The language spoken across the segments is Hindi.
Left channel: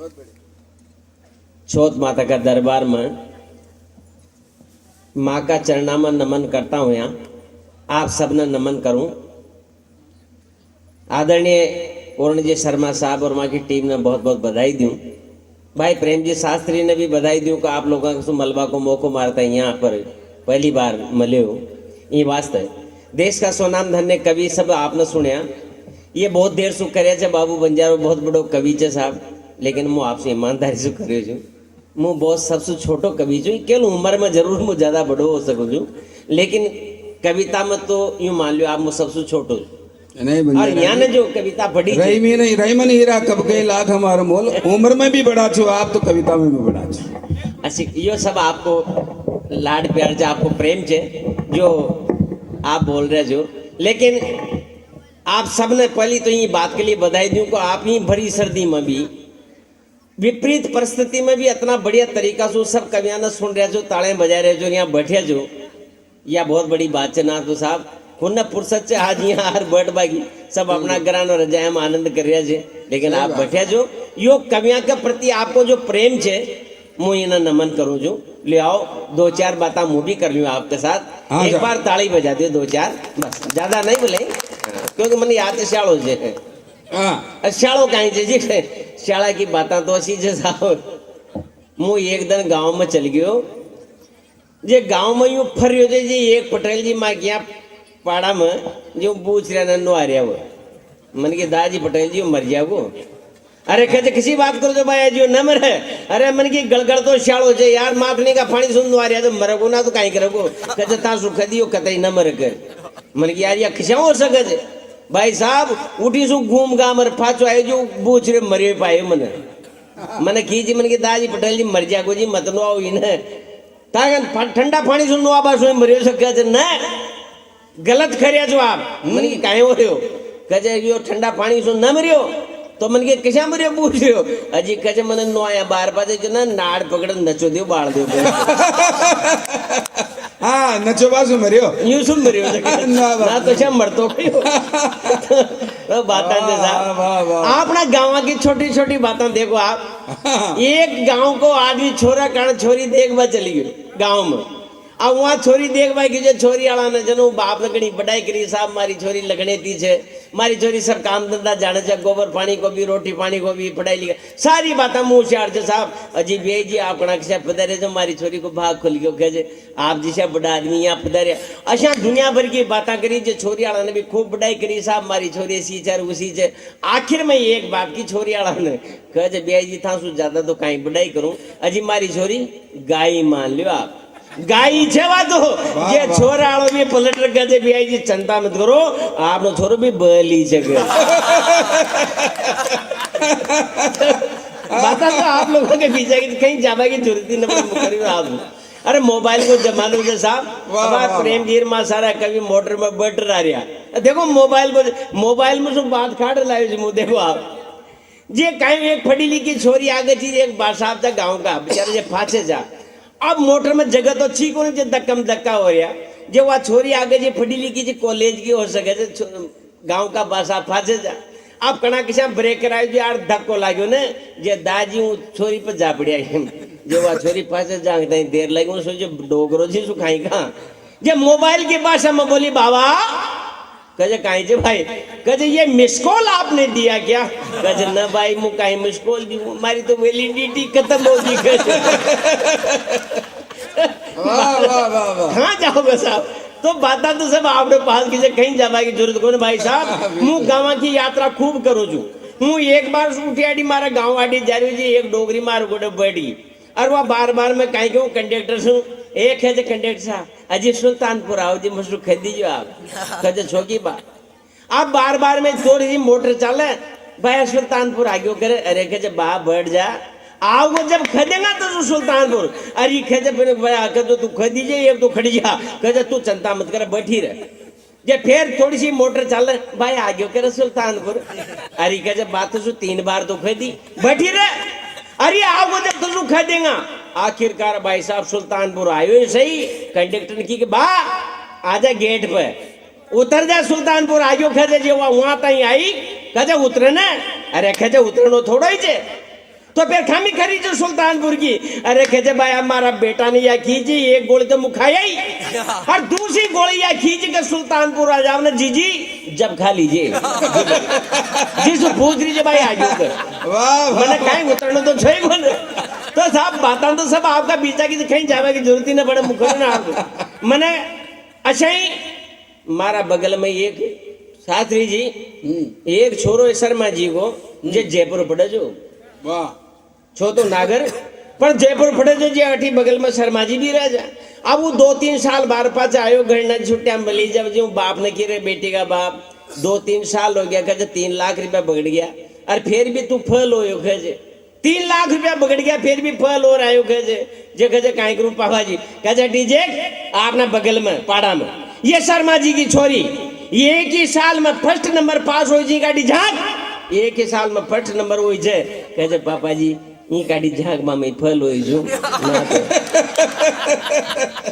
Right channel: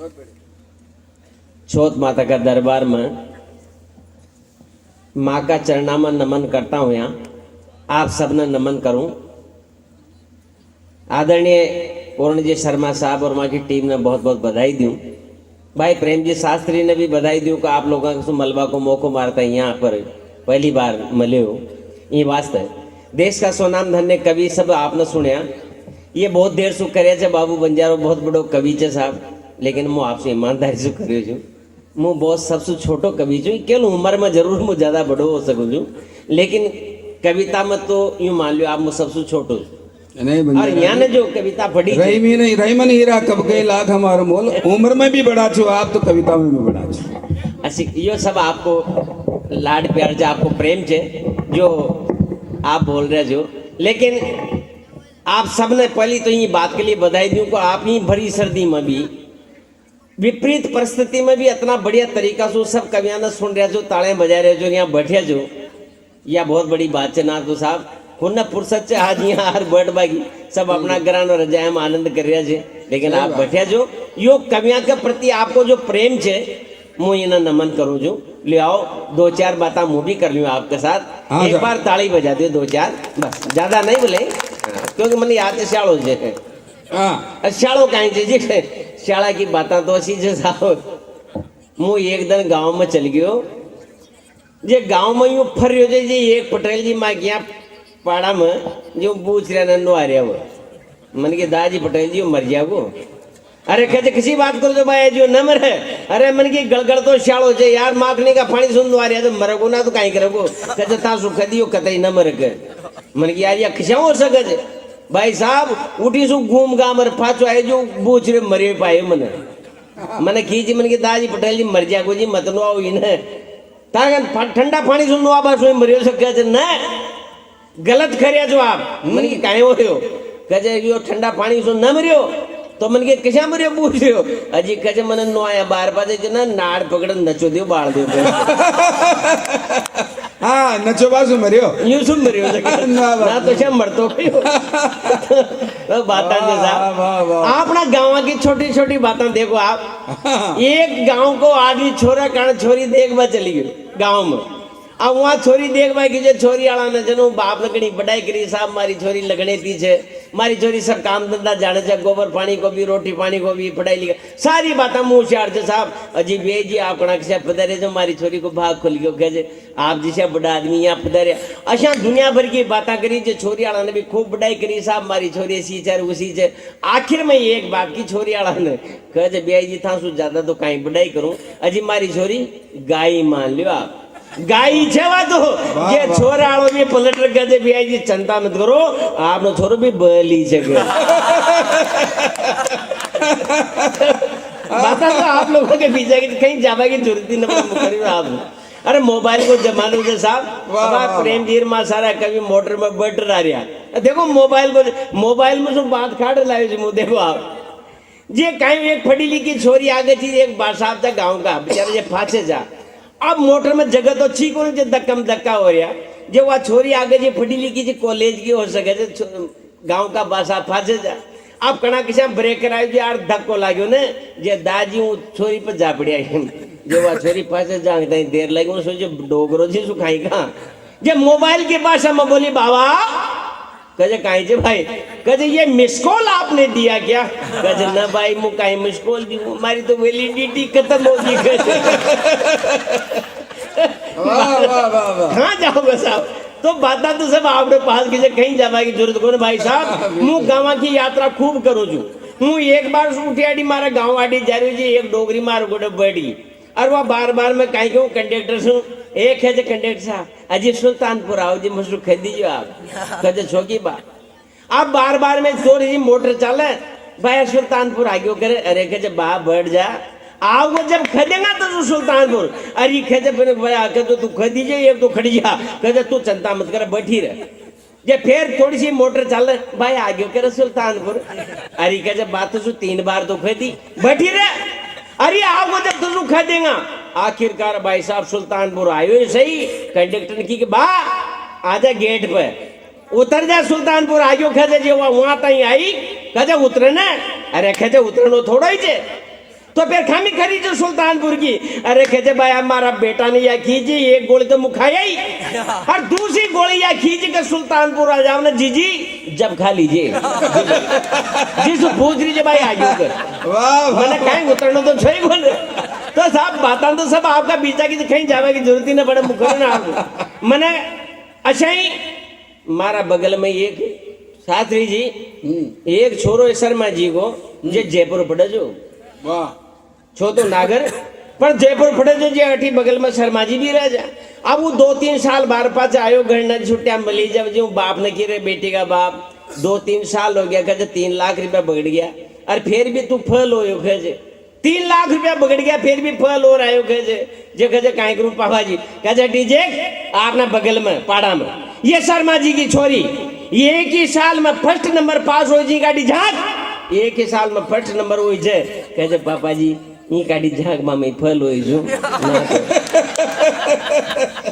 चौथ माता का दरबार में माँ का चरणा में नमन करता हूँ। यहाँ आप सबने नमन करूं। आदरणीय पूर्ण जी शर्मा साहब और माँ की टीम ने बहुत बहुत बधाई दूं। भाई प्रेम जी शास्त्री ने भी बधाई दूं कि आप लोगों को मलबा को मौको मारता है यहाँ पर पहली बार मिले हो। ये वास्ते देश का सोनाम धन्य कवि सब आपने सुनिया। ये बहुत देर से करे बाबू बंजारो बहुत बड़ो कवि है साहब, लेकिन मैं आपसे ईमानदारी से करियो छू। मैं बहुत सबसे छोटो कवि छू। केवल उम्र में जरूर मैं ज्यादा बड़ो हो सकूँ छू, लेकिन कविता में तो यूं मान लो आप मैं सबसे छोटो और यहाँ ने जो कविता पढ़ी रहीमन हीरा कब गए लाख हमारा मोल। उम्र में भी बड़ा छो आप तो कविता में भी बड़ा छो। ऐसी यो सब आपको लाड प्यार से आपको प्रेम से जो आप बोल रहे जो, लेकिन आप सबने पहली तो ये बात के लिए बधाई दूं को आप ही भरी सर्दी में भी विपरीत परिस्थिति में भी इतना बढ़िया तरीका से सब कवियां ने सुन रहे जो ताड़े बजा रहे जो यहाँ बैठे जो, यह बहुत बड़ी बात है ना तो साहब खुन्ना फुर्सत से आज यहाँ हर बर्ड बागी सब अपना ग्रान और रजाय में आनंद कर रहे थे, लेकिन आप बैठे जो यो कवियां के प्रति आपको जो प्रेम छे मुझे इन्हें नमन करूं जो। ले आओ दो चार बातें मुँह भी कर लूँ आपके साथ। एक बार ताली बजा दो दो चार, बस ज्यादा नहीं बोले क्योंकि मैंने याद है शाड़ो जे शाड़ो कहीं जी शाला की बातें तो ऐसी जे साहब मुँह एक दिन गाँव में चल गयो। जे गाँव में यूं फर रहे जे एक पटेल जी माँ क्या पाड़ा में जो पूछ रहा नन्नो आ रहा वो मन के दाजी पटेल जी मर गया वो। अरे कहते किसी बात करो जो भाई जो न मरे। अरे मन की गड़गड़ तो शाड़ो जे यार माखने का पानी सुन आ रहा तो मरगो ना तो कहीं करोगो। कहते ता सुख दियो कतई न मर कर मन की यार या खिसा हो सके भाई साहब उठी सु घूम गा मर पाछो आए जो पूछ रहे मरे पाए मन खींची मन की दाजी पटेल जी मर जा को जी मत नो आओ इन्हें ताकत ठंडा पानी सुन नो आबा सो मरियो सके न गलत खरिया जो आप मन की काहे हो रहे हो। कहे यो ठंडा पानी सुन न मरियो तो मन के किसा मरियो पूछ रहे हो। अजी कहे मन नो आया बार बार जो नाड़ पकड़ नचो दियो बाल दो हाँ नचो बासु मरियो यूं सुन मरियो ना तो क्या मरतो तो बातें अपना गाँव की छोटी छोटी बातें देखो आप। एक गांव को आदमी छोरा कारण छोरी देखवा चली गई गांव में। अब वहाँ छोरी देखवा की जो छोरी आला ने जनो बाप ने कहीं बढ़ाई करी साहब मारी छोरी लगने थी छे मारी छोरी सब काम धंधा जाने से गोबर पानी को भी रोटी पानी को भी पढ़ाई लिखा सारी बातें मुँह से आड़ते साहब। अजीब ये जी आप किसा पधारे जो मारी छोरी को भाग खुल गयो कहे आप जैसे बड़ा आदमी यहाँ पधारे। अच्छा दुनिया भर की बातें करी जो छोरी आला ने भी खूब बढ़ाई करी साहब मारी छोरी ऐसी चर उसी से आखिर में एक बाप की छोरी आला ने कहे बे जी था सु ज्यादा तो कहीं बढ़ाई करूँ। अजी मारी छोरी गाय मान लियो आप गाई छेवा तो ये छोरा आलो भी पलटर कहते भी आई जी चिंता मत करो आपनो छोरो भी बली जगह बता तो आप लोगों के पीछे कहीं जावा की जरूरत ही नहीं आप। अरे मोबाइल को जमाने के साथ प्रेम धीर माँ सारा कभी मोटर में बैटर आ रहा देखो मोबाइल में सब बात काट लाए देखो आप ये कहीं एक पढ़ी लिखी छोरी आ गई थी एक बार साहब था गाँव का बेचारे ये फांसे जा। अब मोटर में जगह तो ठीक हो जो धक्कम धक्का हो रहा जो वह छोरी आगे जो पढ़ी लिखी जी कॉलेज की हो सके गांव का बासा फांसे जा। अब कना किसा ब्रेक कराए जो यार धक्को लागो ने जे दाजी हूँ छोरी पर जा पड़िया जो वह छोरी फांसे जा देर लगी सोचो डोगरो जी सुखाई कहा जे मोबाइल के भाषा में बोली बाबा कहे कहीं जे भाई कहे ये मिस कॉल आपने दिया क्या। कहे न भाई मु कहीं मिस कॉल दी हमारी तो वैलिडिटी खत्म होगी। हाँ जाओगे साहब तो बात तो सब आपने पास की कहीं जाने की जरूरत को भाई साहब मु गाँव की यात्रा खूब करो छू हूँ एक बार उठी आड़ी मारा गाँव आड़ी जा रही जी एक डोगरी मार गोटे बैठी और वह बार बार मैं कहीं कहूँ कंडक्टर सुन एक है जो कंडक्टर साहब अजी सुल्तानपुर आओ जी मुझे खेद दीजिए आप कहते छोकी बात आप बार बार में थोड़ी सी मोटर चले भाई सुल्तानपुर आगे करे अरे कहे बा बैठ जा आओगे जब खदेगा तो सुल्तानपुर अरे खेते फिर तो तू खदीजिए एक तो खड़ी जा कहते तू चिंता मत कर बैठी रहे जे फिर थोड़ी सी मोटर चल भाई आगे करे सुल्तानपुर अरे कहे बात तो 3 बार तो खदी बैठी रहे अरे आओगे जब तुम खा देगा। आखिरकार भाई साहब सुल्तानपुर आयो सही कंडक्टर की बा आजा गेट पे उतर जा सुल्तानपुर आगे खेजे जो वहां तई आई कहे उतरे ने अरे खेजे उतरनो थोड़ा ही जे तो फिर खामी खरी जो सुल्तानपुर की। अरे कहे भाई हमारा बेटा ने या खींची, एक गोली तो मुखाया ही, और दूसरी गोली या खींच के सुल्तानपुर आ जाओ ना जीजी, जब खा लीजिए। जिस पूछ लीजिए भाई आगे ऊपर, वाह मैंने कहीं उतरना तो सही बोले। तो साहब बात तो सब आपका बीचा की कहीं जावे की जरूरत ही ना पड़े मुखर ना आपको। मैंने अच्छा ही मारा बगल में एक शास्त्री जी, एक छोरो शर्मा जी को जे जयपुर पड़े जो, वाह छो तो नागर पर जयपुर पड़े जो जे अठी बगल में शर्मा जी भी रह जा। अब वो 2-3 साल बार पाच आयो घर न छुट्टियां मिली, जब जो बाप ने की रे बेटी का बाप 2-3 साल हो गया, कहे 3 लाख रुपया बगड़ गया, और फिर भी तू फल हो कहे 3 लाख रुपया बगड़ गया फिर भी फल हो रहा है कहे काहे करूं पापा जी। कहे डीजे आपना बगल में पाड़ा में ये शर्मा जी की छोरी एक ही साल में फर्स्ट नंबर पास हो जी गाड़ी झांक, एक ही साल में फर्स्ट नंबर हो जे। कहे पापा जी ये गाड़ी झांक में फल हो जो ना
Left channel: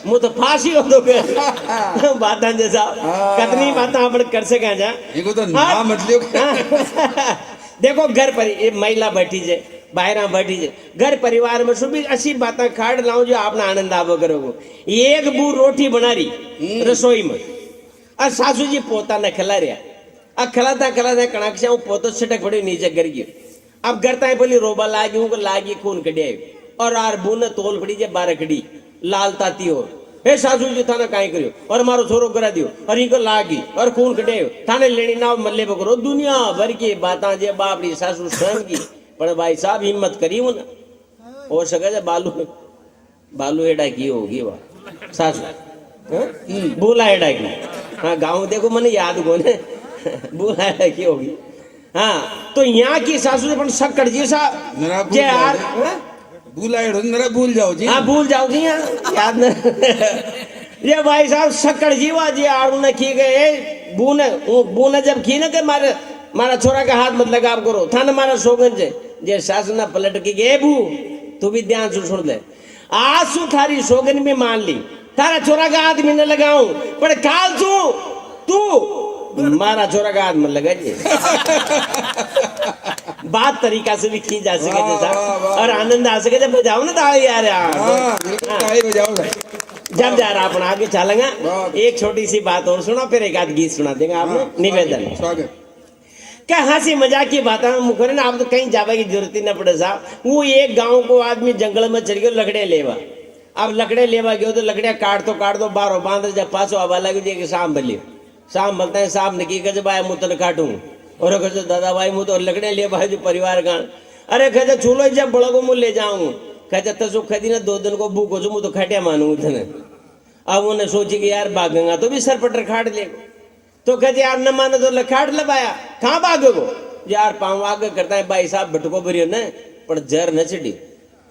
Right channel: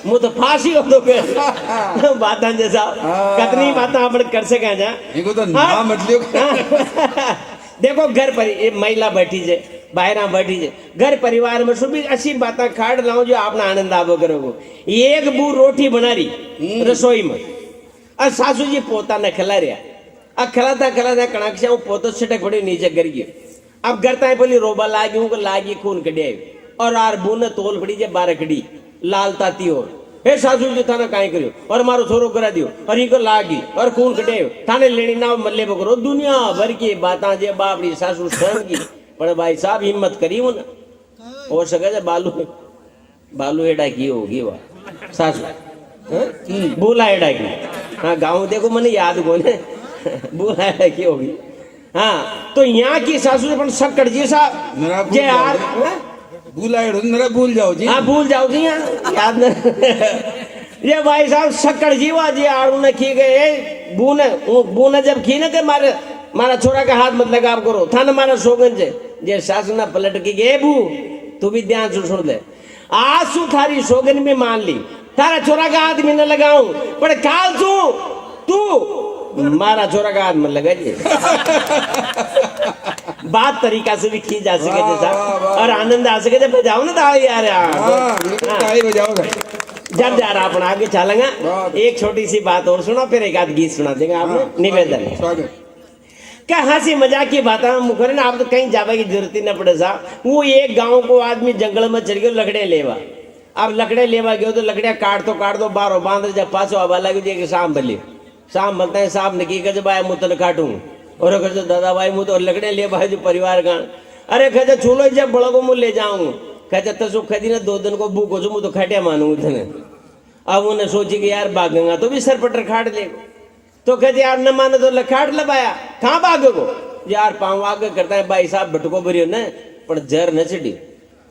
मु तो फांसी हो तो बात जैसा कितनी बातें आप कर सके जा। इनको तो नाम मतलब देखो घर पर ये महिला बैठी जे, बाहर बैठी जे, घर परिवार में सुबह अच्छी बातें खाड़ लाऊं जो आपने आनंद आवो करोगे। एक बू रोटी बना रही रसोई में, और सासू जी पोता ने खिला रहा, अब खिलाता कड़ाक से पोतो छिटक पड़ी नीचे गिर गई। अब करता है बोली रोबा लागी खून कड़े, और आर बू ने तोल पड़ी जे 12 कड़ी लाल ताती हो। हे सासू जी थाने काहे करियो, और मारो छोरो करा दियो, और इको लागी और खून कटे थाने लेनी ना मल्ले बकरो। दुनिया भर की बातां जे बापड़ी सासू स्वयं की, पर भाई साहब हिम्मत करी हो ना हो सके जे बालू एडा की होगी वाह सासू बोला एडा की। हाँ गाँव देखो मैंने याद को ने बोला एडा की होगी। हाँ तो यहाँ की सासू अपन सक्कड़ जी सा जे यार भूल जाओ जी। हाँ भूल जाओ जी, याद न ये भाई साहब सक्कड़ जीवा जी आड़ू ने की गए बूने जब की ने मारा छोरा का हाथ मत लगा करो थाने मारा सोगन जे सासू ना पलट के गए बू तू भी ध्यान से सुन ले, आज सु थारी सोगन में मान ली तारा छोरा का हाथ में न लगाऊं, पर काल तू मारा छोरा का हाथ में लगा जी। बात तरीका से भी की जा सके जैसा और आनंद आ सके जब बजाओ ना ताली यार जब जा रहा अपन आगे चलेंगे। एक छोटी सी बात और सुनो फिर एक आध गीत सुना देंगे आपको निवेदन। क्या हंसी मजाक की बात है मुखर ना, आप तो कहीं जावे की जरूरत ही न पड़े साहब। वो एक गांव को आदमी जंगल में चढ़ गया लकड़े लेवा, अब लकड़े लेवा गयो तो लकड़िया काट दो बारो बांध जब पाछो आवा लगी शाम भले शाम बोलते हैं शाम निकी कहे भाई मुँह तो काटू और कहे दादा भाई मुँह तो लकड़े ले भाई जो परिवार का। अरे कहे चूलो जब बड़ो को मुँह ले जाऊं कहे तो खदी ना 2 दिन को भूख हो मुँह तो खटिया मानू उतने। अब उन्हें सोची कि यार भागेगा तो भी सर पटर खाट ले, तो कहते यार न माने तो लखाट लगाया कहाँ भागे को यार पाँव आगे करता है भाई साहब भटको भरियो न पर जर न चढ़ी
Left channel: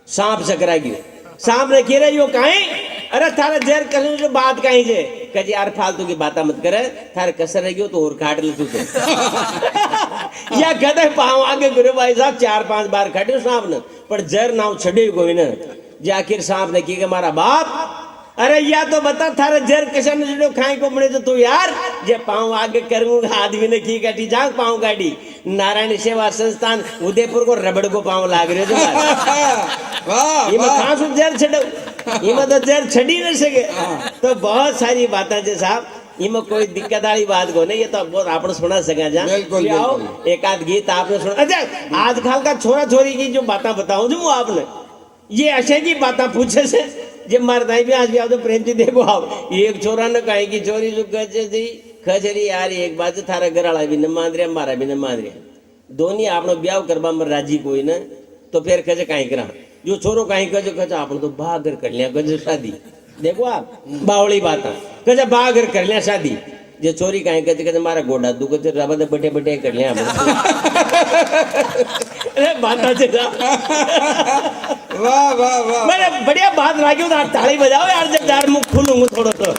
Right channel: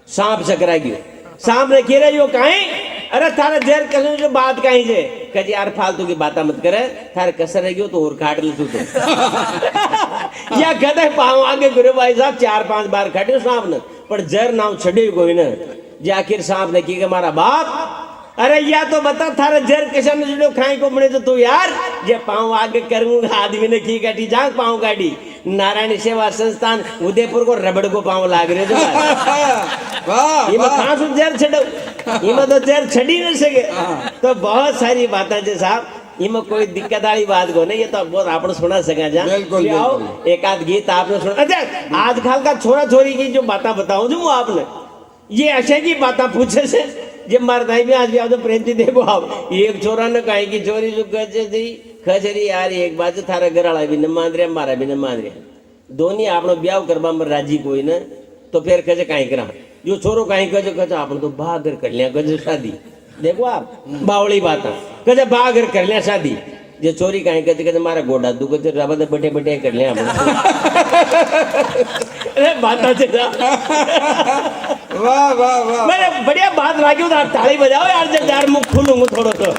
सांप चकरा गयो सांप ने खेरा यो काहे। अरे थारा जर कल जो बात काहे जे कहते यार फालतू की बात मत करे थारे कसर रह गयो तो और काट ले तू या कहते पाँव आगे करे भाई साहब 4-5 बार खाटे सांप ने पर जर नाव छड़े कोई न जे आखिर सांप ने की हमारा बाप। अरे या तो बता थारे जर किसान जो खाए को बने तो तू यार जे पाँव आगे करूंगा आदमी ने की काटी जाग पाँव काटी नारायण सेवा संस्थान उदयपुर को रबड़ को पाँव लाग रहे तो जर छड़ो इमें तो जर छड़ी नहीं सके। तो बहुत सारी बातें जो साहब इमें कोई दिक्कत वाली बात को नहीं, ये तो बहुत आपने सुना सका जा आओ एक आध गीत आपने सुना। अच्छा आजकल का छोरा छोरी की जो बातें बताऊं जो आपने ये ऐसे की बातें पूछे से जब मारता भी आज भी आप तो प्रेम थी देखो आप एक छोरा ने कहे की चोरी जो खचरी यार एक बात थारा घर वाला भी न मान रहा मारा भी न मान रहा दोनों आपनो ब्याह करवा में राजी कोई न तो फिर कहे कहीं करा जो छोरो कहीं कहे आपने तो बाहर कर लिया कहे शादी देखो आप बावड़ी बात कहे बाहर कर लिया शादी जे चोरी कहीं कहते मारा गोडा तू कहते रबा बैठे बैठे कर लिया बात वाह वाह वाह मैंने बढ़िया बात लागी हो आप ताली बजाओ यार जब यार मुख खुलूंगा थोड़ा तो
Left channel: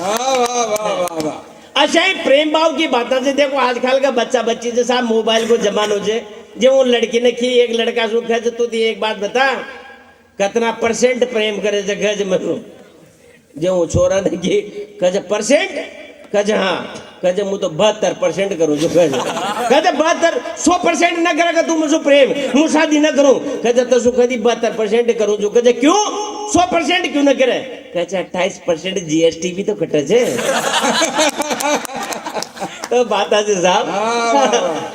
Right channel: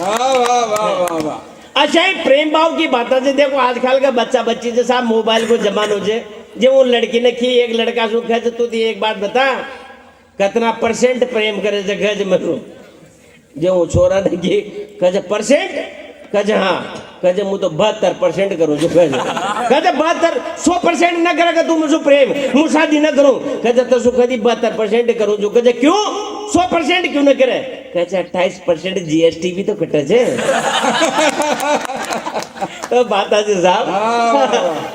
वाह वाह वाह वाह। अच्छा ही प्रेम भाव की बात से देखो आजकल का बच्चा बच्ची से साहब मोबाइल को जमानो जे जो वो लड़की ने की एक लड़का सुख है तो एक बात बता कितना % प्रेम करे गज में जो छोरा ने की कज % कज हाँ कहते હું તો 72% કરું છું કહે 72 100% ન કરે કે તું મુझे પ્રેમ હું શાદી ન કરું कहते तो શું કદી 72% કરું છું कहते क्यों 100% क्यों न करे कहते 28% जीएसटी भी तो कटे છે तो बात है साहब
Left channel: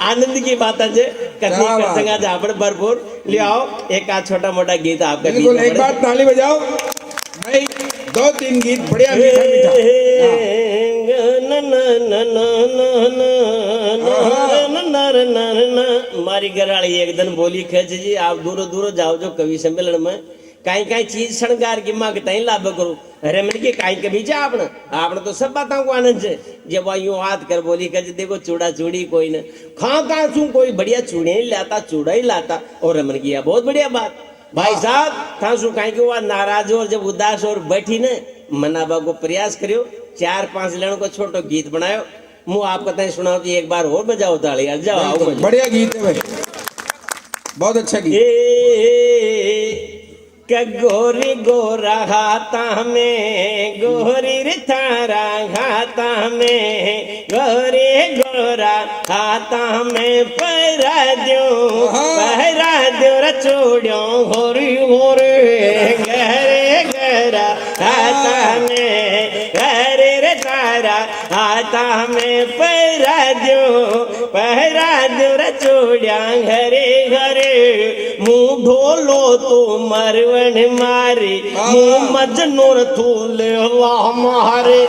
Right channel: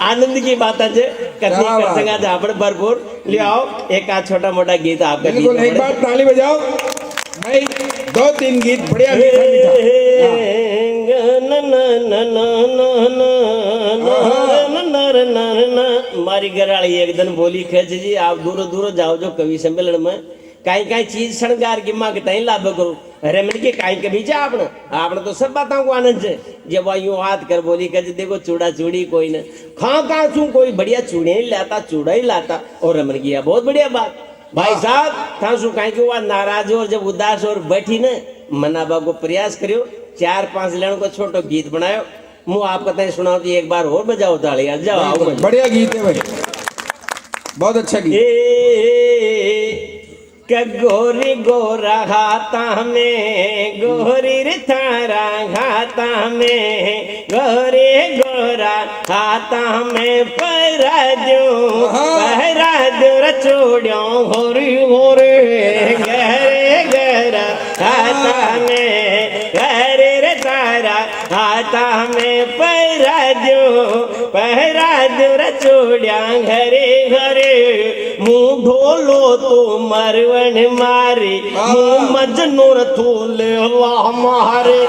आनंद की बात है कथनी कर संगा जा पर भरपूर ले आओ एक आ छोटा मोटा गीत आपके बिल्कुल एक बार ताली बजाओ भाई 2-3 गीत बढ़िया मीठा मारी घराड़ी एक दिन बोली खेच जी आप दूरो दूरो जाओ जो कवि सम्मेलन में काई काई चीज शृंगार की मांग तई लाभ करो अरे मन के काई कभी जा आपने आपने तो सब बातों को आनंद है जब यूं हाथ कर बोली कह देखो चूड़ा चूड़ी कोई न खा चू कोई बढ़िया चूड़े ही लाता चूड़ा ही लाता और रमन किया बहुत बढ़िया बात भाई साहब था शू कहीं कि वह नाराज और जब उदास और बैठी ने मनाबा को प्रयास करियो 4-5 लेन को छोटो गीत बनायो मुँह आपको तय सुनाओ तो एक बार और बजाओ ताली यार जाओ बढ़िया गीत है भाई बहुत अच्छा गीत गोरी गोरा हाथा में गोरी रे थारा हाथा में गोरे गोरा हाथा में पहरा दो रचोड़ो होरी होरे गहरे गहरा हाथा में गहरे रे थारा हाथा में पहरा दो रचोड़िया घरे घरे मुँह ढोलो तो मरवन मारे मुँह मजनूर थूल वाह मारे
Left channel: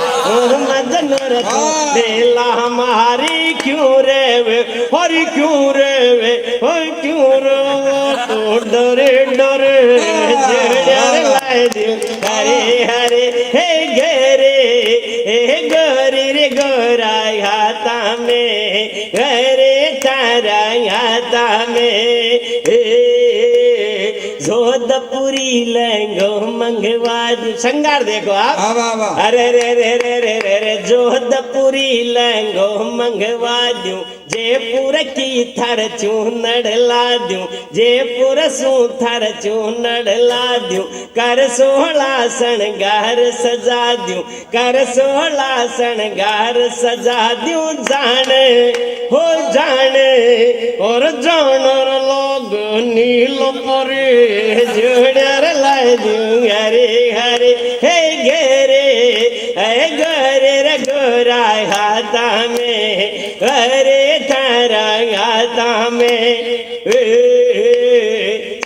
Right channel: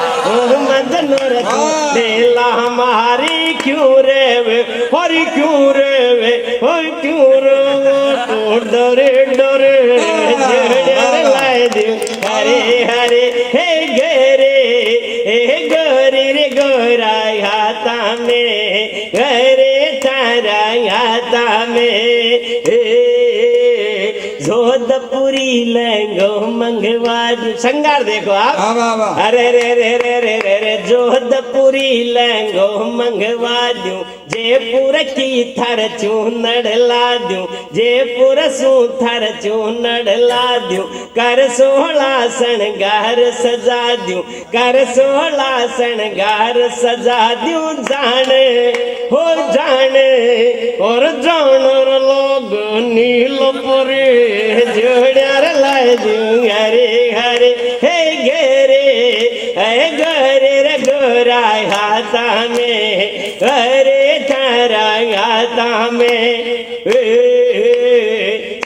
मजनूर थूलेला हमारी क्यों रे वे हरी क्यों रे वे हरी क्यों रे तो डरे डरे लाए दे हरे हरे हे गोरे रे गोरा हाथा में घरे तारा हाथा में जोधपुरी लहंगो मंगवा संगार देखो आप अरे रे रे रे रे रे रे जोधपुरी लहंगो मंगवा दूं जयपुर की थर चूनड़ ला दूं जयपुर सू थर चूनड़ ला दूं कर सोहला शणगार सजा दूं कर सोहला शणगार सजा दूं जाने हो जाने और जानर लोग नीलपुरी जोड़र लाए दूं हरे हरे हे गोरे रे गोरा हाथा में घरे थारा हाथा में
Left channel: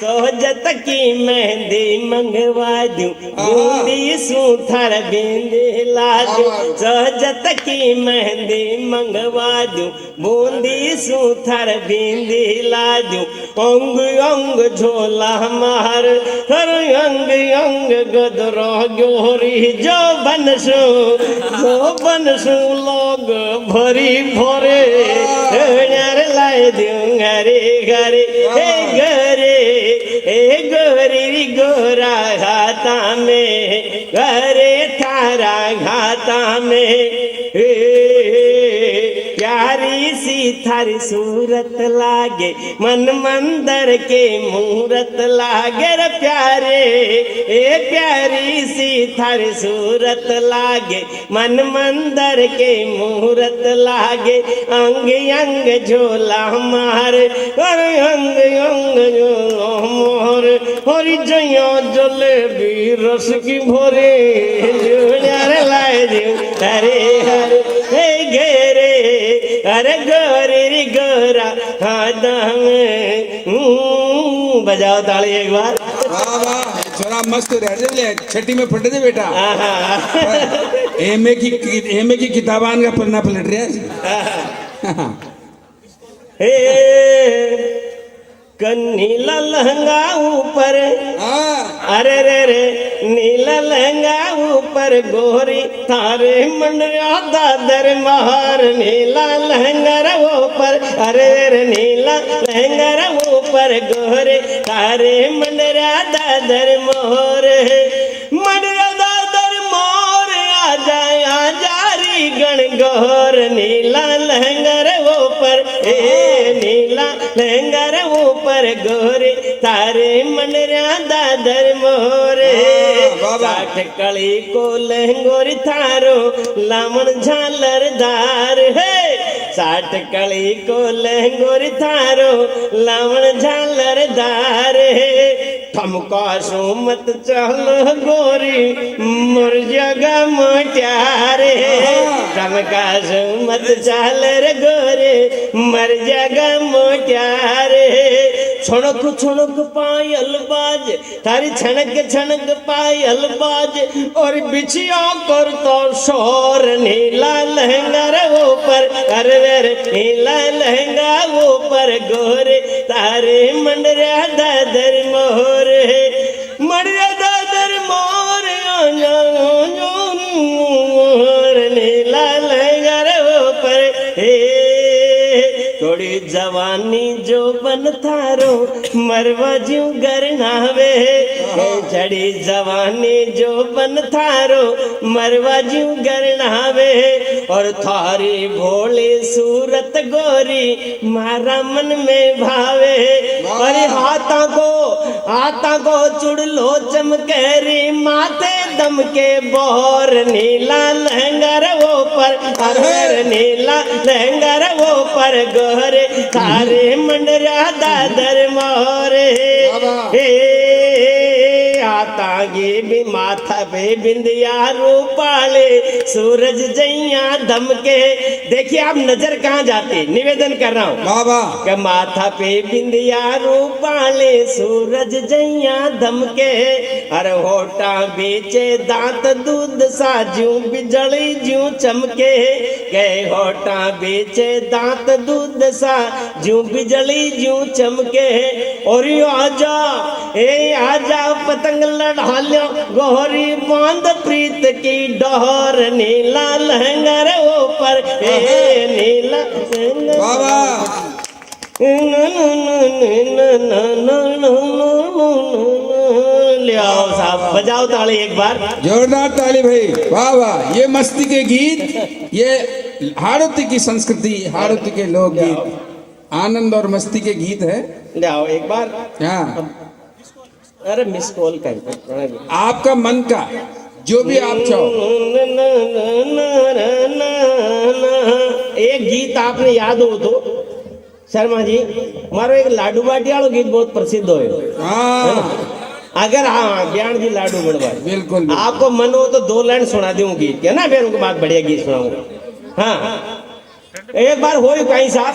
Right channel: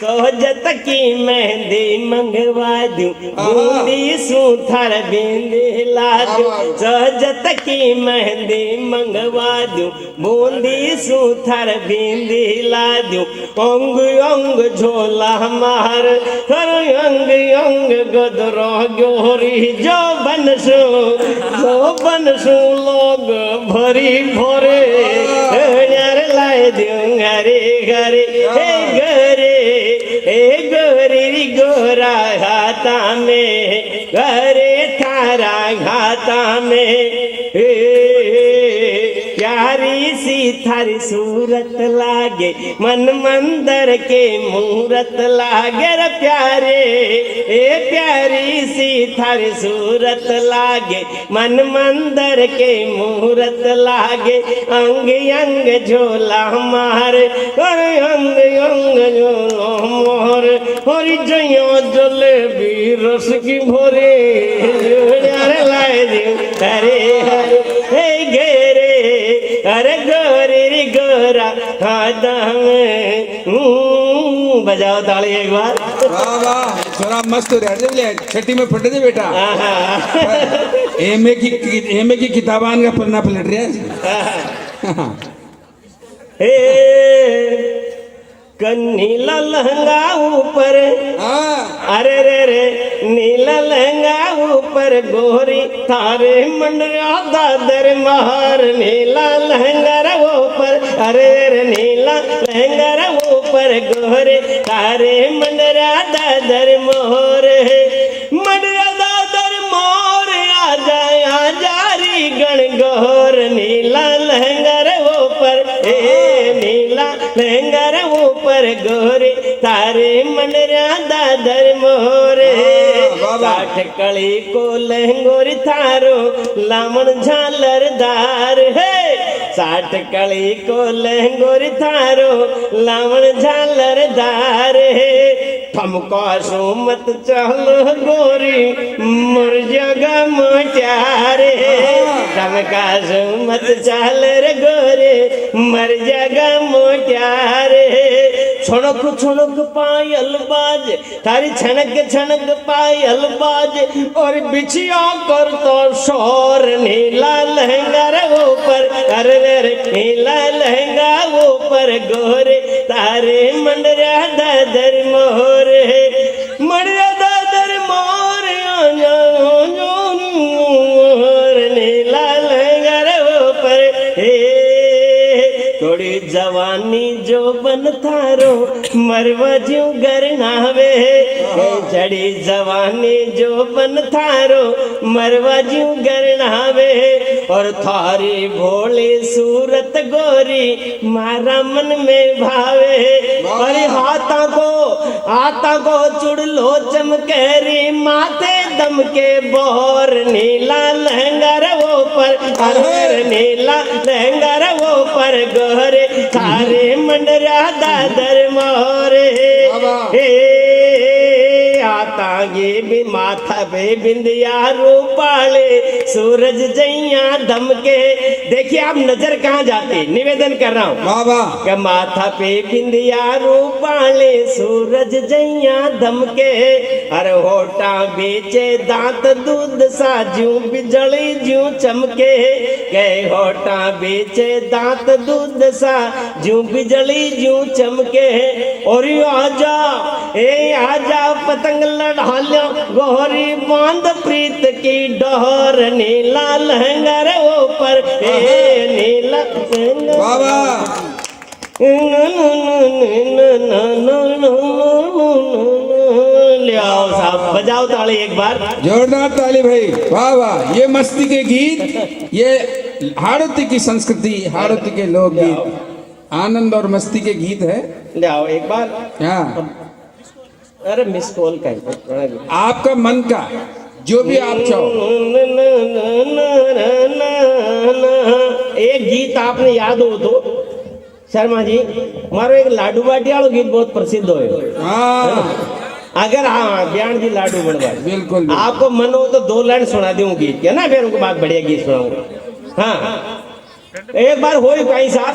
सोजत की मेहंदी मंगवा दूं बूंदी सूथर बिंदी ला दूं सोजत की मेहंदी मंगवा दूं बूंदी सूथर बिंदी ला दूं अंग अंग झोला मार हर अंग अंग गोदरो गोरी जो बनसू लोग भरी भोरे लाए दूं घरे घरे हे गोरी गोरा हाथा में घरे थारा घाता में प्यारी सी थारी सूरत लागे मन मंदर के मूरत लागे रे प्यारे प्यारी सी थारी सूरत लागे मन मंदर के मूरत लागे अंग अंग झोला मार अंग अंग झोला मोर हरि जया जलेबी रस की भोरे लाए दे हरे हरे हे घेरे अरे गोरे रे गोरा हाथा में बजाओ ताली एक बार वाह वाह छोरा मस्त हो रहा है छठी में फटे थे बेटा एमए की किताबान का पन्ना पलट रहा हे नीला लहंगा ऊपर अरे रे रे नीला लहंगा ऊपर गोरी थारे मंडरा दादर महार नीला लहंगा ऊपर अरे रे नीला लहंगा ऊपर गोरे थारे मंडरा दादर मोहर मंडरा दादर मोर आजा आजारी गण गोर नीला लहंगा ऊपर नीला लहंगा ऊपर गोरे तारे मनरा दादर मोरे साठ कली को लहंगोर थारो लामण झालरदार साठ कली को लहंगोर थारो लावण झालरदार है ठमका सो मत चलो गोरी मोर जगा मोट्यार है ठमका सो मत चल रे गोरे मर जगा मोट्यार है छुणक छुणक पायल बाज थारी छनक छनक पायल बाज और बिछिया कर तो शोर नीला लहंगा रे ऊपर अरे रे नीला लहंगा ऊपर गोरे तारे मंडरा दादर मोर मंडरा दादर मोर नीला लहंगा रे ऊपर थोड़ी जवानी जो बन थारो मरवा जू गरनावे झड़ी जवानी जो बन थारो मरवा जू गरनावे और थारी भोले सूरत गोरी मारा मन में भावे अरे हाथा को चुड़लो चमकेरी माथे दम के बोर नीला लहंगा रे वो पर अरे नीला लहंगा रे वो पर गोरे थारे मंडरा दादर मोरे आता गे भी माथा पे बिंदिया रूपाले सूरज जैया दम के देखिए आप नजर कहाँ जाती निवेदन कर रहा हूँ कि माथा पे बिंदिया रूपाले सूरज जैया दम के अरे होटा बेचे दांत दूध सा जू बिजली जू चमके गए होटा बेचे दांत दूध सा जू बिजली जू चमके और आजा पतंग लड़ा लो गोरी बांध प्रीत की डोर नीला लहंगा रे ऊपर नीला ले आओ साहब बजाओ ताली एक बार जोरदार ताली भाई वाह वाह ये मस्ती के गीत ये हाड़ौती की संस्कृति हाड़ौती के लोकगीत आनंद और मस्ती के गीत है ले आओ एक बार हाँ अरे मिस कॉल कर आपका मन का जो भी आप चाहो एक गीत आपने याद हो तो शर्मा जी मारो एक लाडू बाटी वालों गीत बहुत प्रसिद्ध हो अगर हाँ ब्याण जी लाडू बनवा बिल्कुल आपको मन हो तो 2 लाइन सुना दूं गीत क्या ना फिर उनके बाद बढ़िया गीत सुनाऊंगा हाँ एक बार हो कहीं साहब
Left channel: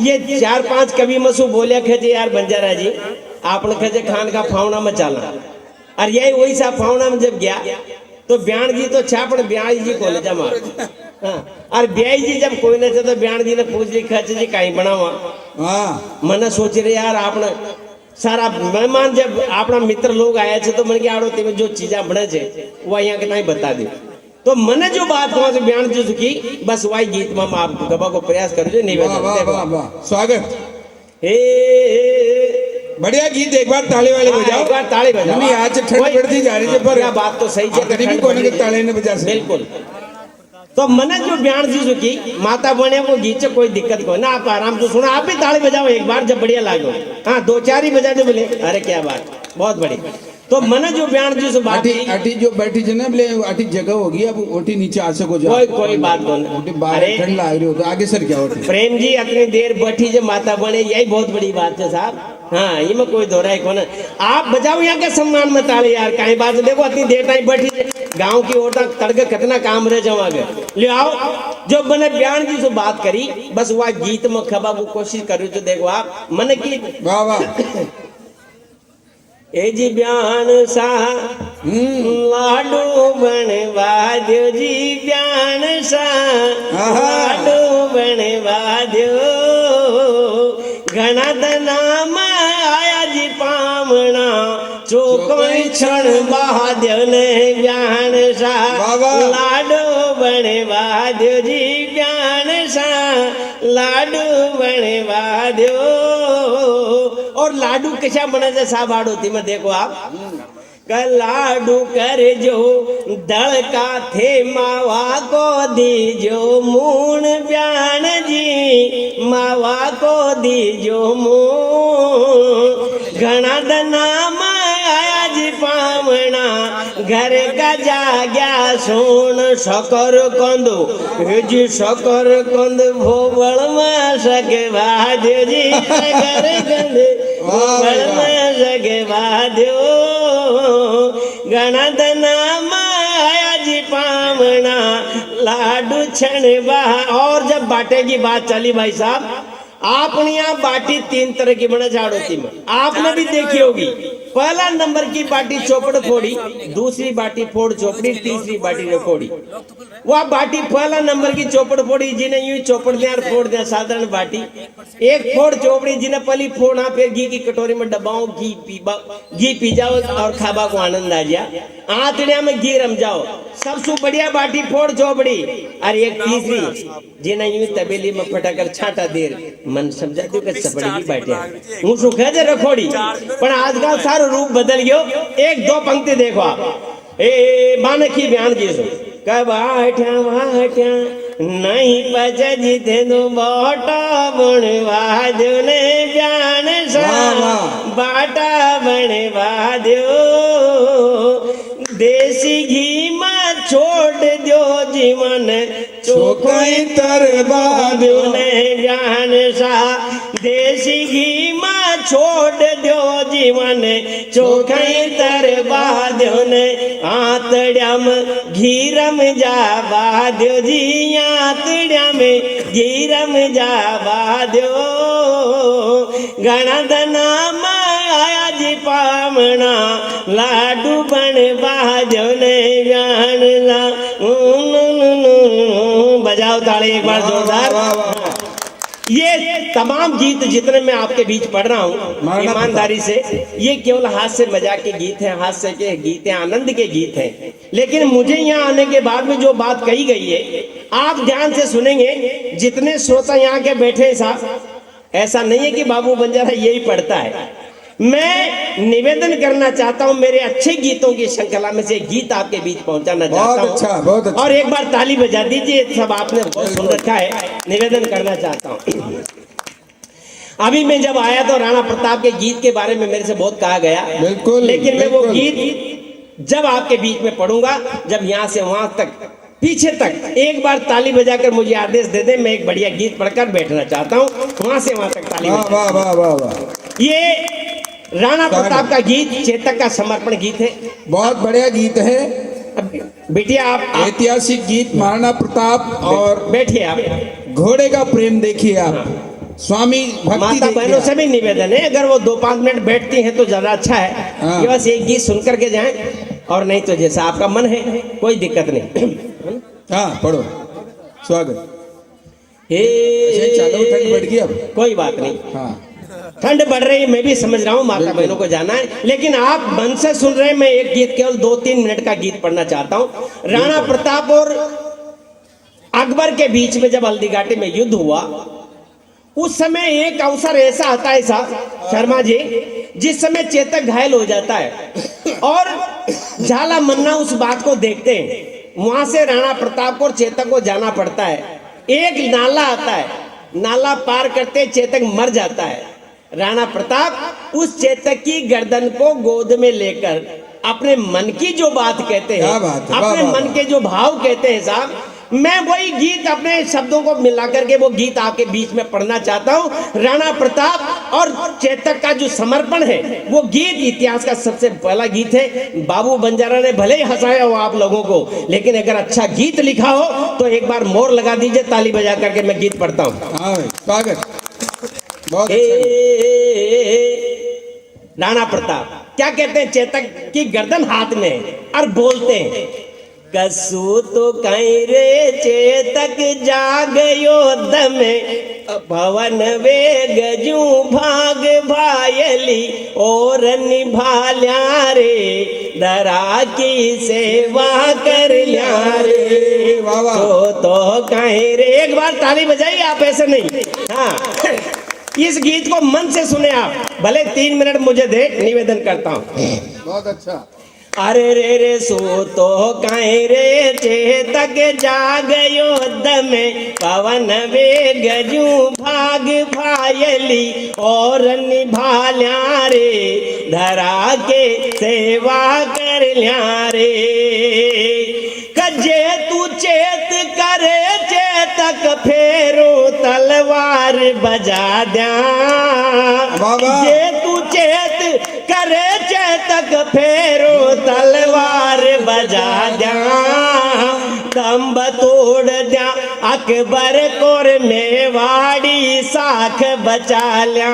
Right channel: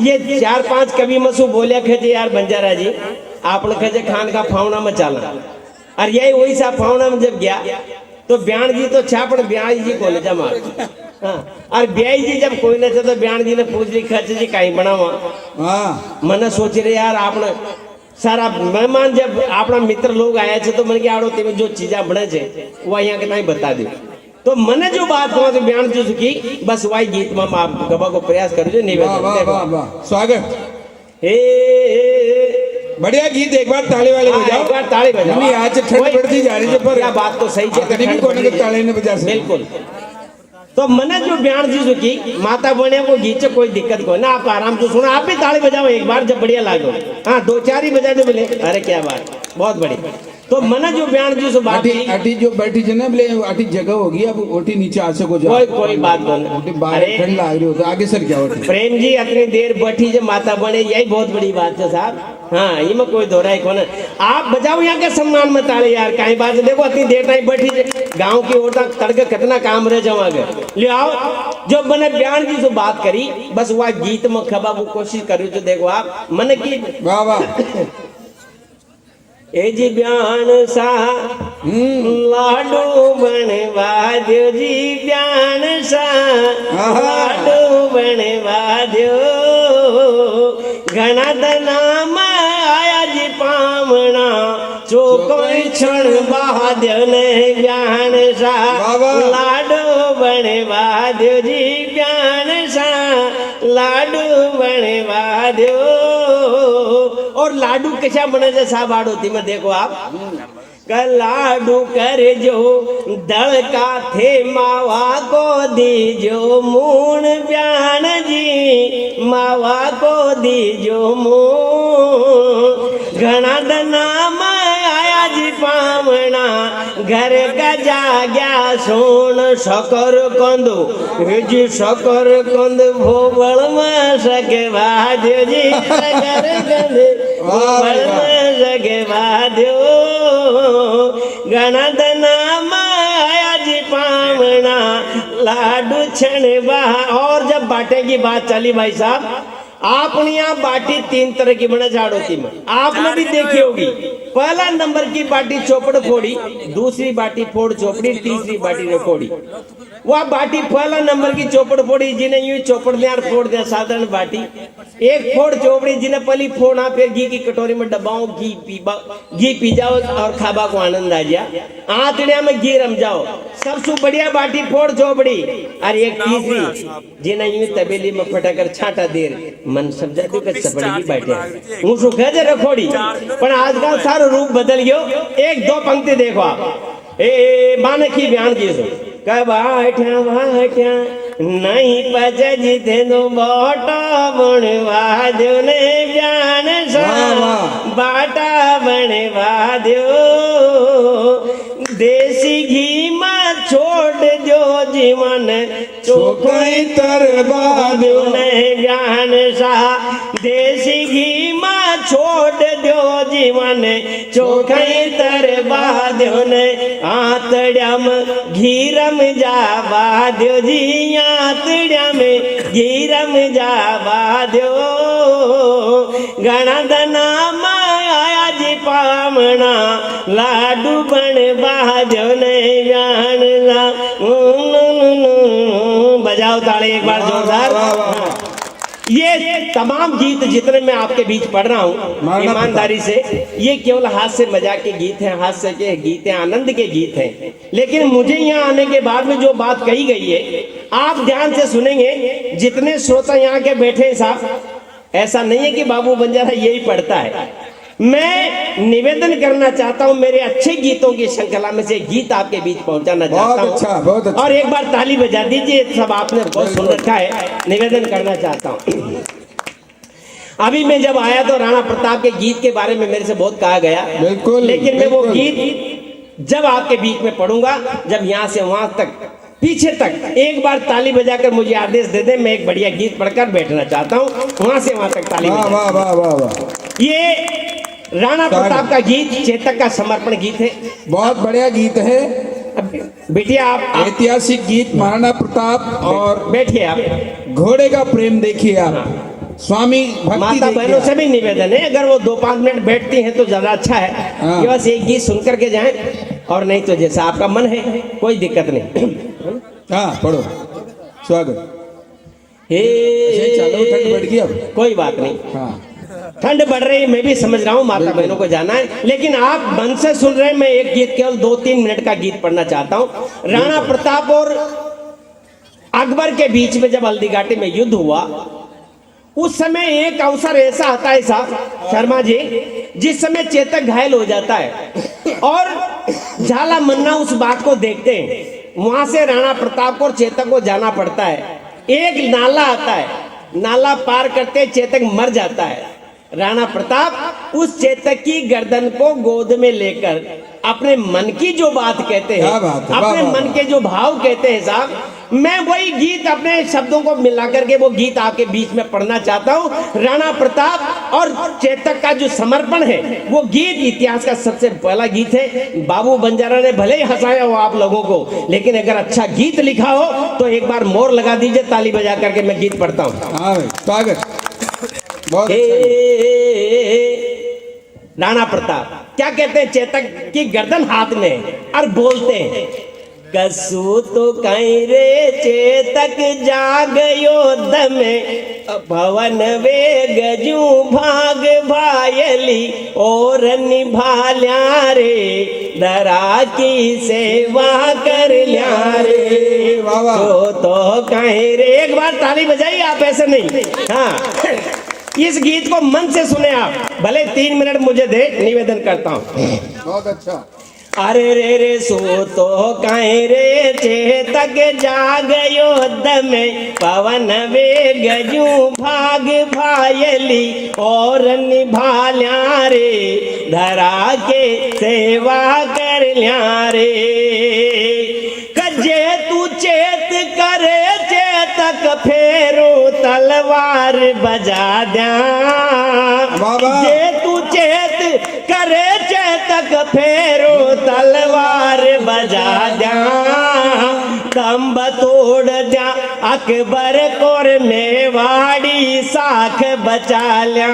ये 4-5 कवि मसू बोलिया खेजे यार बंजारा जी आपने खेजे खान का फावना में चाला और यही वही सा फावना में जब गया तो ब्याण जी तो छापड़ ब्याण जी को ले जमा और ब्याई जी जब कोई न तो ब्याण जी ने पूछ ली खर्च जी कहीं बनावा मैंने सोच रहे यार आपने सारा मेहमान जब अपना मित्र लोग आया थे तो मन के आड़ोती में जो चीजा बने थे वो यहाँ के नहीं बता दी तो मैंने जो बात कहा तो ब्याण जी की बस वही गीत में आप गबा को प्रयास कर दो निवेदन स्वागत हे बढ़िया गीत एक बार ताली वाले बजाओ एक बार ताली बजाओ आज ठंड बढ़ती जा रही है पर क्या बात तो सही है गरीबी कोने के ताली ने बजा बिल्कुल तो मैंने जो ब्याण जी जो की माता बने वो गीत से कोई दिक्कत कोई ना आप आराम से सुना आप भी ताली बजाओ एक बार जब बढ़िया लागो हाँ 2-4 ही बजा दो बोले अरे क्या बात बहुत बढ़िया तो मैंने जो ब्याण जी से बात अटी जो बैठी थे ना बोले अटी जगह होगी अब ओटी नीचे आ सको जाओ कोई बात नहीं अरे ठंड लग रही हो तो आगे सर क्या होती प्रेम जी इतनी देर बैठी जो माता बने यही बहुत बड़ी बात है साहब हाँ ये में कोई दोहराई कौन आप बजाओ यहाँ के सम्मान में ताले यार कहीं बात देखो इतनी देर टाइम बैठी गांव की ओर तक तड़के कितना काम रह जाओ आगे ले आओ जब मैंने ब्याण जी से बात करी बस वह गीत में खबा वो कोशिश करी तो देखो आप मन की वाह वाह ए जी ब्याण सा लाडू बनवा दो जी ब्याण सा लाडू बनवा दो घना दना आया जी पावना जो कोई क्षण बाद ब्याण सा लाडू बनवा दो जी ब्याण सा लाडू बनवा दो और लाडू कैसा बने थे साहब आड़ोती में देखो आप लाडू कर जो दल का थे मावा को दीजो मूण ब्याण जी मावा को दीजो मूण घना दना आया जी पावना घर का जाग्या सोन शकर कंद जी शकर कंद भोबल में सके वाद्यो जी शकर कंद भोबल में सके वाद्यो गणदना माया जी पावना लाडू छण बहा। और जब बाटे की बात चली भाई साहब, आपने यहाँ बाटी 3 तरह की बना झाड़ोती में आपने भी देखी होगी। पहला नंबर की बाटी चौपड़ फोड़ी, दूसरी बाटी फोड़ चौपड़ी, तीसरी बाटी ने फोड़ी। वह बाटी पहला नंबर की चौपड़ फोड़ी जिन्हें यूं चौपड़ दे और फोड़ दे साधारण बाटी। एक फोड़ चौपड़ी जिन्हें पहली फोड़ा फिर घी की कटोरी में डबाओ, घी पी जाओ और खाबा को आनंद आ जाए। आंतड़िया में घी रम जाओ, सबसे बढ़िया बाटी फोड़ चौपड़ी। और एक तीसरी जिन्हें यूं तबेली में फटाकर छाटा देर मन समझा दो कि सपड़ी बैठे हूँ सु कह दे रखोड़ी। पर आजकल सारो रूप बदल गयो। एक दो पंक्ति देखो आप, ए मानकी बयान जी सो कबाठ्या बाठ्या नहीं पच जिथे दो बाटा बनवा दो ने जान सा बाटा बनवा दो। देसी घी में छोड़ दो जीवन चोखई तरवा दो ने जान सा। देसी घी में छोड़ दो जीवन चोखई तरवा दो ने। आतड़िया में घीरम जावा दो जी, आतड़िया में घीरम जावा दो। गणदना माया जी पावना लाडू बनवा दो ने जान ला। बजाओ ताली एक बार जोरदार। ये तमाम गीत जितने मैं आपके बीच पढ़ रहा हूँ ईमानदारी से, ये केवल हास्य मजाक के गीत हैं, हास्य के गीत हैं, आनंद के गीत हैं। लेकिन मुझे यहाँ आने के बाद में जो बात कही गई है आप ध्यान से सुनेंगे। जितने श्रोता यहाँ के बैठे हैं साहब, ऐसा नहीं है कि बाबू बंजारा यही पढ़ता है। मैं निवेदन करना चाहता हूँ, मेरे अच्छे गीतों की श्रृंखला में से गीत आपके बीच पहुंचाना चाहता हूँ। अच्छा, बहुत अच्छा। और एक बार ताली बजा दीजिए, सब आपने बहुत सुन रखा है। निवेदन करना चाहता हूँ। अभी मैं जब आया तो राणा प्रताप के गीत के बारे में मेरे से बहुत कहा गया, बिल्कुल, लेकिन मैं वो बिल्कुल। गीत जब आपके बीच में पढ़ूंगा, जब यहाँ से वहां तक पीछे तक एक बार ताली बजाकर मुझे आदेश दे दे, मैं एक बढ़िया गीत पढ़कर बैठना चाहता हूँ। वहां से वहां तक ताली। वाह वाह वाह वाह वाह। ये राणा प्रताप का गीत चेतक का समर्पण गीत है। बहुत बढ़िया गीत है। बेटिया आप ऐतिहासिक गीत महाराणा प्रताप और बैठिए। आप घोड़े का प्रेम देखिए, आप स्वामी भक्ति माता बहनों से भी निवेदन है, अगर वो 2-5 मिनट बैठती हैं तो ज्यादा अच्छा है कि बस एक गीत सुन करके जाएं, और नहीं तो जैसा आपका मन है कोई दिक्कत नहीं। हाँ पढ़ो। स्वागत। हे चलो, ठंड बढ़ गई अब। कोई बात नहीं, हाँ ठंड बढ़ रही है, मैं भी समझ रहा हूँ, माता बहनों को जाना है, लेकिन आप मन से सुन रहे हैं। मैं एक गीत केवल 2-3 मिनट का गीत पढ़ना चाहता हूँ। राणा प्रताप और अकबर के बीच में जब हल्दी घाटी में युद्ध हुआ, उस समय एक अवसर ऐसा आता है साहब शर्मा जी, जिस समय चेतक घायल हो जाता है और झाला मन्ना उस बात को देखते हैं। वहां से राणा प्रताप को और चेतक को जाना पड़ता है। एक नाला आता है, नाला पार करते चेतक मर जाता है। राणा प्रताप उस चेतक की गर्दन को गोद में लेकर अपने मन की जो बात कहते हैं, अपने मन के जो भाव कहते हैं साहब, मैं वही गीत अपने शब्दों को मिलाकर के वो गीत आपके बीच में पढ़ना चाहता हूँ। राणा प्रताप और चेतक का जो समर्पण है, वो गीत इतिहास का सबसे पहला गीत है। बाबू बंजारा ने भले ही हंसाया हो आप लोगों को, लेकिन अगर अच्छा गीत लिखा हो तो एक बार मोर लगा दीजिए, ताली बजा करके मैं गीत पढ़ता हूँ। स्वागत। बहुत राणा प्रताप क्या कहते हैं, चेतक की गर्दन हाथ में और बोलते हैं, कसू तो कहीं रे चेतक जागयो दमे, भवन वे गजू भाग भायली और निभाल्या रे, दरा की सेवा कर लिया रे। तो कहीं रे, एक बार ताली बजाइए आप, ऐसे नहीं। हाँ, इस गीत को मन से सुने आप, भले 3 मिनट मुझे दे, निवेदन करता हूँ। बहुत अच्छा। अरे रे रे सो तो कहीं रे चेतक जागयो दमे, पवन वे गजू भाग भायली और निभाल्या रे, धरा के सेवा कर ल्यारे कजे तू चेत करे चेतक फेरो तलवार बजा द्या बाबा। जे तू चेत करे चेतक फेरो तलवार बजा द्या तंब तोड़ द्या अकबर कोर मेवाड़ी साख बचा ल्या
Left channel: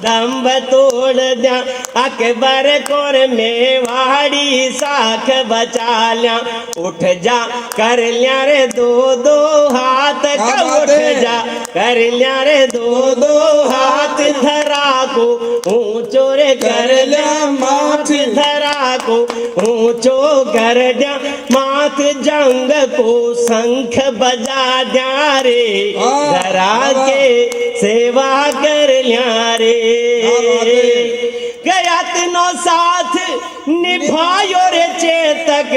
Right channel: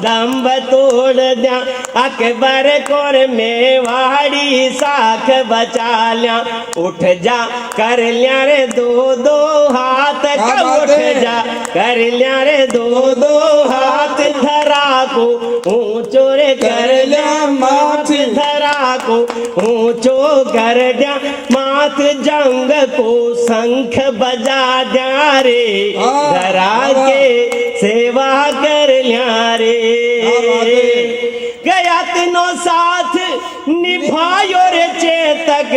दम्ब तोड़ द्या अकबर कोर मेवाड़ी साख बचा ल्या उठ जा कर लिया रे दो दो हाथ का उठ जा कर लिया रे दो दो हाथ धरा को ऊंचो रे कर लिया माथ धरा को ऊंचो कर दिया माथ जंग को शंख बजा द्या रे धरा के सेवा कर लिया रे गया तीनों साथ निभायो रे चेतक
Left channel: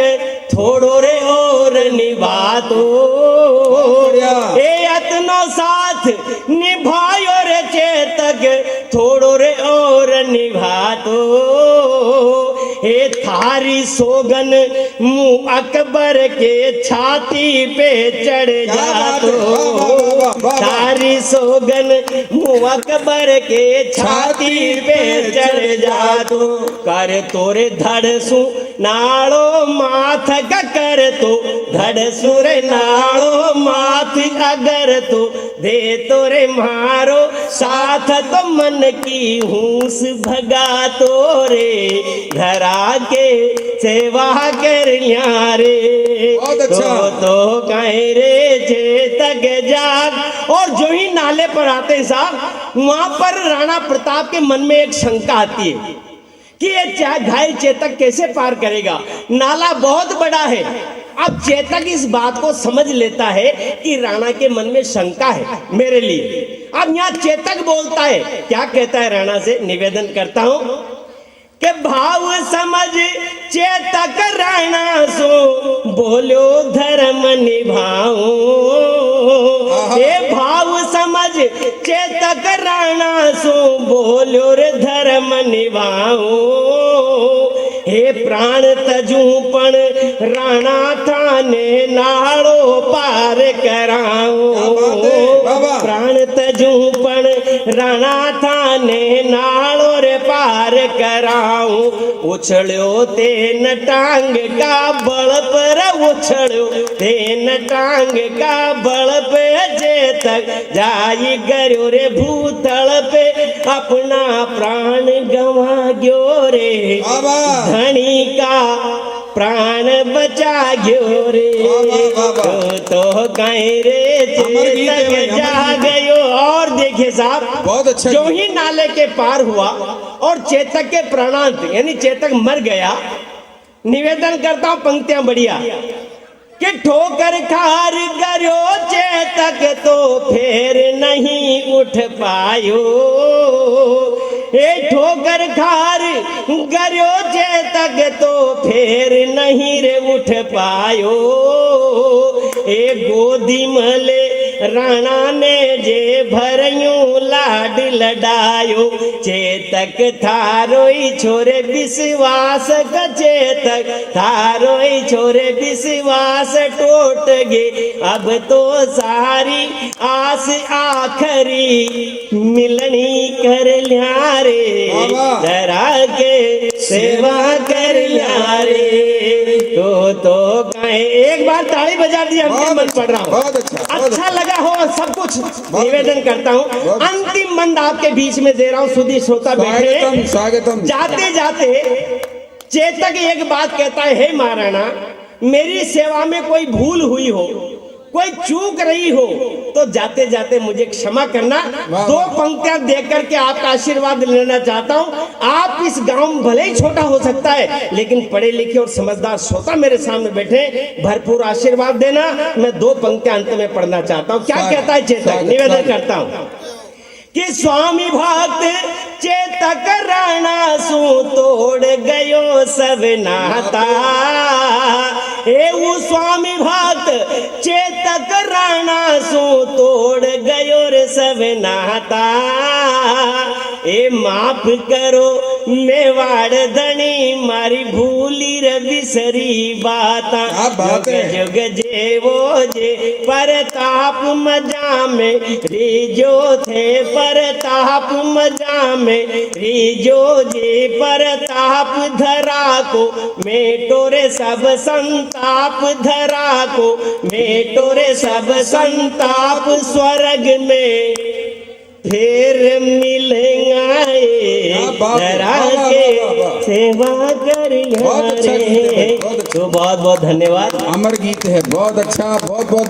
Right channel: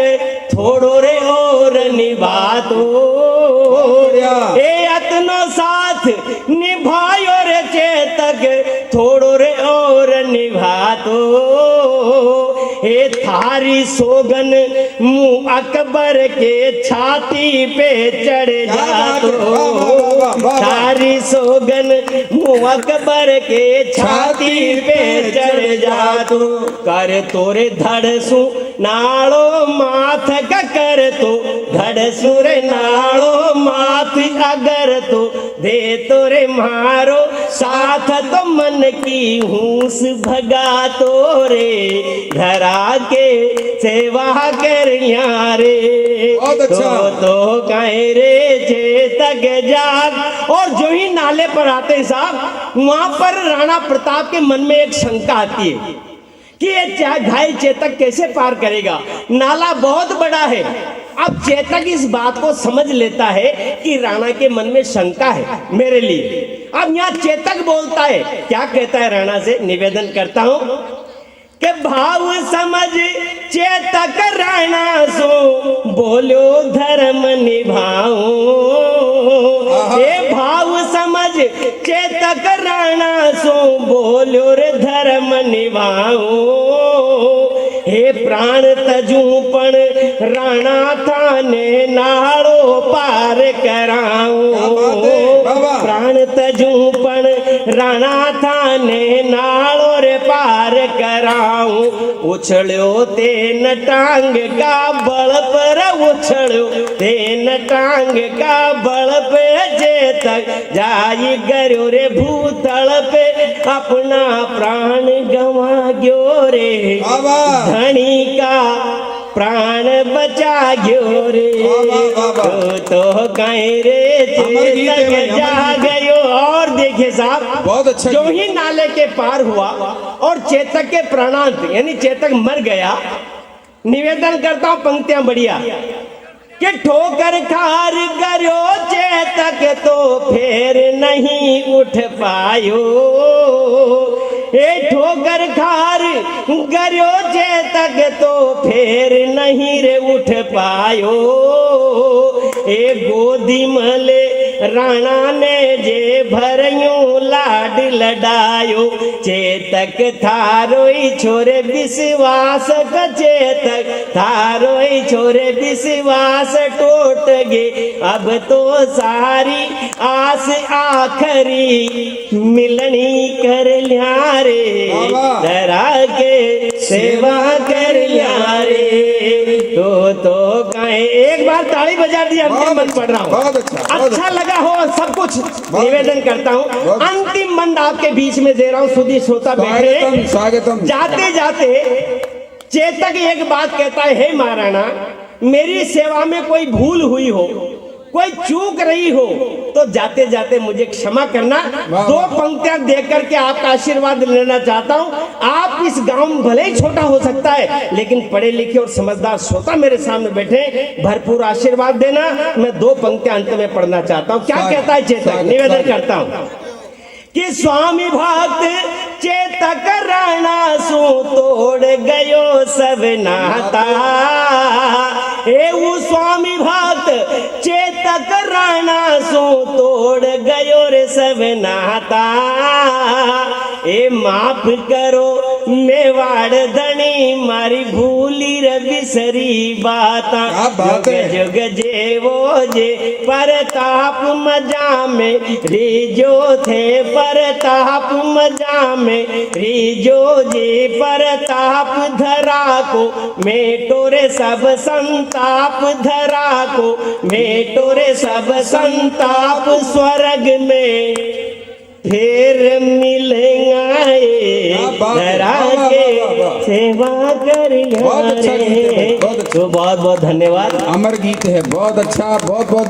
थोड़ो रे और निभा दो तीनों साथ निभायो रे चेतक थोड़ो रे और निभा दो हे थारी सोगन मुंह अकबर के छाती पे चढ़ जा तो थारी सोगन मुंह अकबर के छाती पे चढ़ जा तो कर तोरे धड़सू नाड़ो माथ का कर तो धड़सू रे नाड़ो माथ अगर तो दे तोरे मारो साथ तो मन की हूस भगा तोरे धरा के सेवा कर लिया रे तो कहीं रे चेतक जाग। और जो ही नाले पर आते साहब वहां पर राणा प्रताप के मन में एक शंका आती है कि ये घायल चेतक कैसे पार करेगा, नाला बहुत बड़ा है। अब चेतक इस बात को समझ लेता है कि राणा के मन में शंका है मेरे लिए। अब यहाँ चेतक बोलता है, क्या कहता है राणा से, निवेदन करता हूं कि भाव समझ चेतक राणा सो बोलो धर्म निभाओ। ये भाव समझ चेतक राणा सो बोलो रे धर्म निभाओ। हे प्राण तजू पण राणा थाने नाड़ो पार कराओ। प्राण तजू पण राणा थाने नाड़ो रे पार कराऊं। उछड़ो तेन टांग का बल पर उछड़ो तेन टांग का बल पे चेतक जाई गयो रे भूतल पे अपना प्राण गवा गयो रे धनी का प्राण बचा गयो रे तो कहीं रे चेतक जा गयो। और देखिए साहब बहुत अच्छा जो ही नाले के पार हुआ और चेतक के प्राणांत यानी चेतक मर गया। निवेदन करता हूं पंक्तियां बढ़िया कि ठोकर खार गयो चेतक तो फिर नहीं उठ पायो। ए ठोकर खार गयो चेतक तो फिर नहीं रे उठ पायो। ए गोदी मले राणा ने जे भरयो लाड लडायो। चेतक थारो छोरे विश्वास का चेतक थारो छोरे विश्वास टूट गे। अब तो सारी आस आखरी मिलनी कर लिया रे धरा के सेवा कर लिया रे तो कहे। एक बार ताली बजा दी, अंतिम मंद पढ़ रहा हूँ, अच्छा लगा हो सब कुछ निवेदन करता हूँ। अंतिम मंद आपके बीच में दे रहा हूँ, सुधी श्रोता बैठे। स्वागतम। जाते जाते चेतक एक बात कहता है, हे महाराणा मेरी सेवा में कोई भूल हुई हो कोई चूक रही हो तो जाते जाते मुझे क्षमा करना। दो पंक्तियां देकर के आपका आशीर्वाद लेना चाहता हूं। आप इस गांव में भले ही छोटा हो सकता है लेकिन पढ़े लिखे और समझदार श्रोता मेरे सामने बैठे, भरपूर आशीर्वाद देना। मैं दो पंक्तियां अंत में पढ़ना चाहता हूं। क्या कहता है चेतक, निवेदन करता हूं कि स्वामी भक्त चेतक राणा सो तोड़ गयो सब नाता। वो स्वामी भक्त चेतक राणा सो तोड़ गयो रे सब नाता। ए माफ करो मेवाड़ धनी मारी भूल बिसरी बाता क्या बात है। जुग जेवो जे परताप मजा में रीजो थे परताप मजा में रीजो जे परताप धरा को मेटो रे सब संताप धरा को मेटो रे सब संताप स्वर्ग में ढेर मिलेगा क्या बात है। धरा वाह, वाह, के वाह, वाह। सेवा कर बहुत अच्छा गीत है, बहुत अच्छा। तो बहुत बहुत धन्यवाद। अमर गीत है, बहुत अच्छा, बहुत बहुत